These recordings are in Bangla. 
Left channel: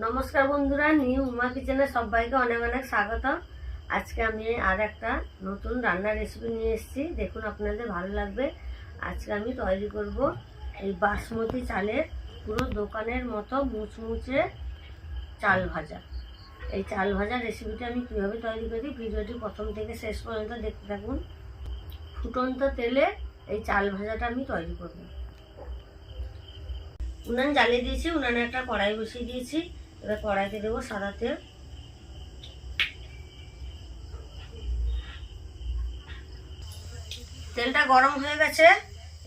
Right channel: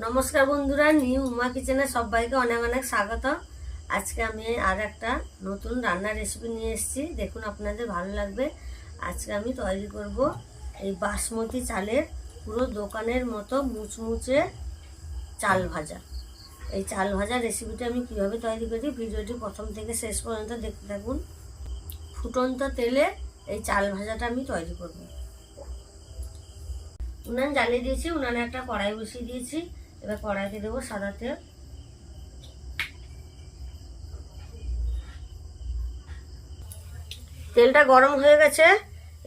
নমস্কার বন্ধুরা, নিউ উমা কিচেনে সবাইকে অনেক অনেক স্বাগত। আজকে আমি আর একটা নতুন রান্নার রেসিপি নিয়ে এসেছি। দেখুন, আপনাদের ভালো লাগবে। আজকে আমি তৈরি করব এই বাসমতি চালের পুরো দোকানের মতো মুচমুচে চাল ভাজা। এই চাল ভাজা রেসিপিটা আমি কীভাবে তৈরি করি, ভিডিওটি প্রথম থেকে শেষ পর্যন্ত দেখতে থাকুন। ফুটন্ত তেলে এই চাল ভাজাটা আমি তৈরি করব। উনান জ্বালিয়ে দিয়েছি, উনানে একটা কড়াই বসিয়ে দিয়েছি। এবার কড়াইতে দেবো সাদা তেল। তেলটা গরম হয়ে গেছে।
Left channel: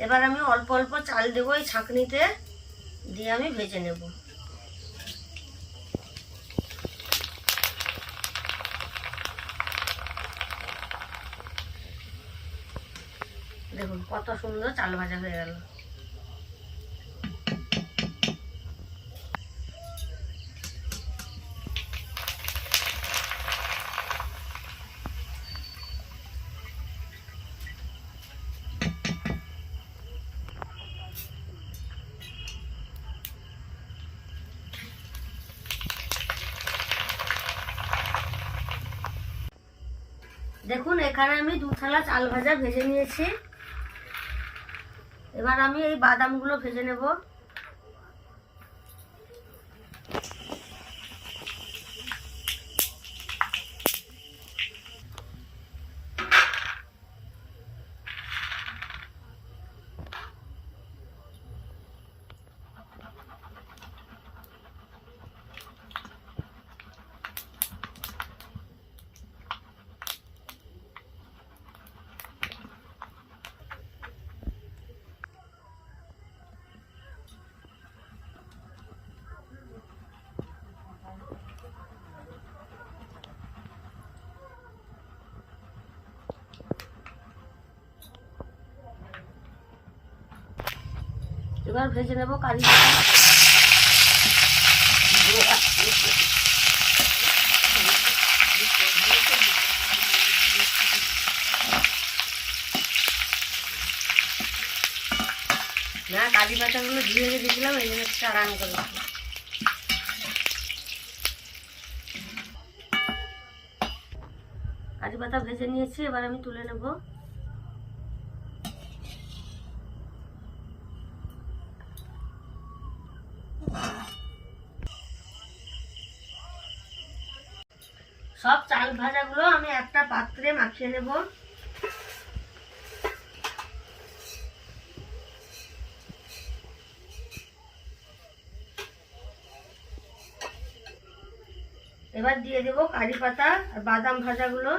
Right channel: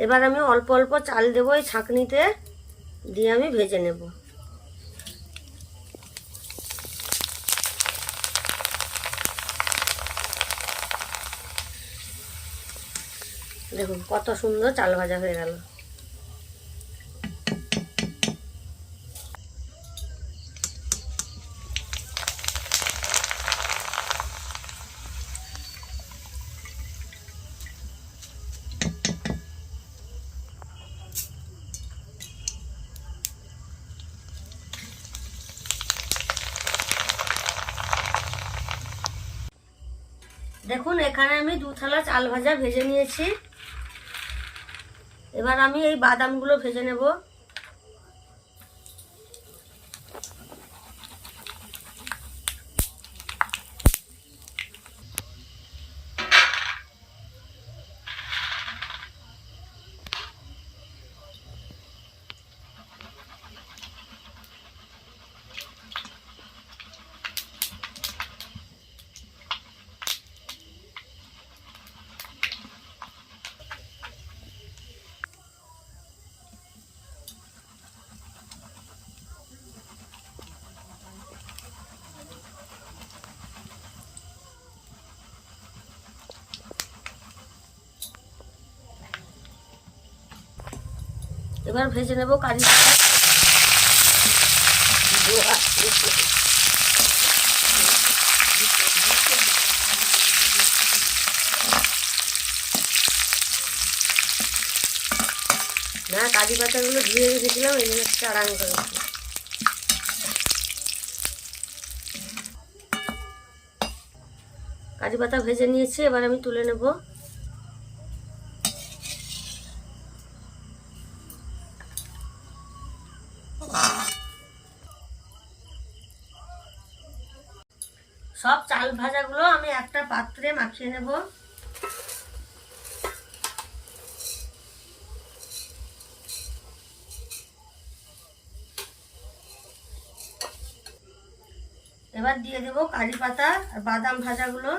এবার আমি অল্প অল্প চাল দেবো এই ছাঁকনিতে, দিয়ে আমি ভেজে নেব। দেখুন কত সুন্দর চাল ভাজা হয়ে গেল। দেখুন, এখানে আমি 2 থালা চাল ভাজা ভেজে নিয়েছি। এবার আমি এই বাদামগুলো ভেজে নেব। এবার ভেজে নেব কারি পাতা। না, কারি পাতাগুলো ধুয়ে রেখেছিলাম, এগুলো একটু আরাম করেছি। কারি পাতা ভেজে নিয়েছি, এবার আমি তুলে নেব। সব চাল ভাজাগুলো আমি একটা পাত্রে মাখিয়ে নেব। এবার দিয়ে দেব কারি পাতা আর বাদাম ভাজাগুলো।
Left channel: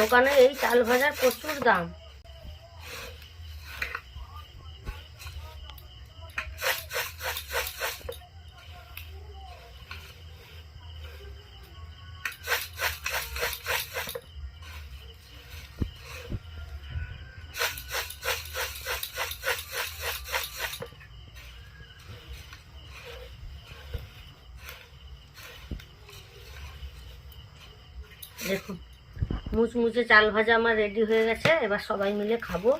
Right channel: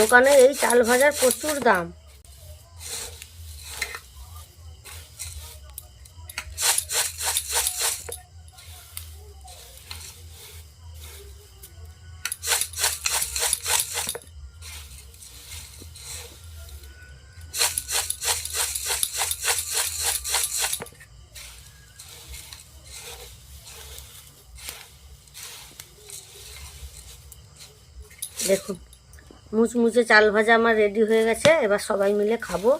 দোকানে এই চাল ভাজার প্রচুর দাম। দেখুন, মুচমুচে চাল ভাজা আমার রেডি হয়ে গেছে। এবার সবাই মিলে খাবো।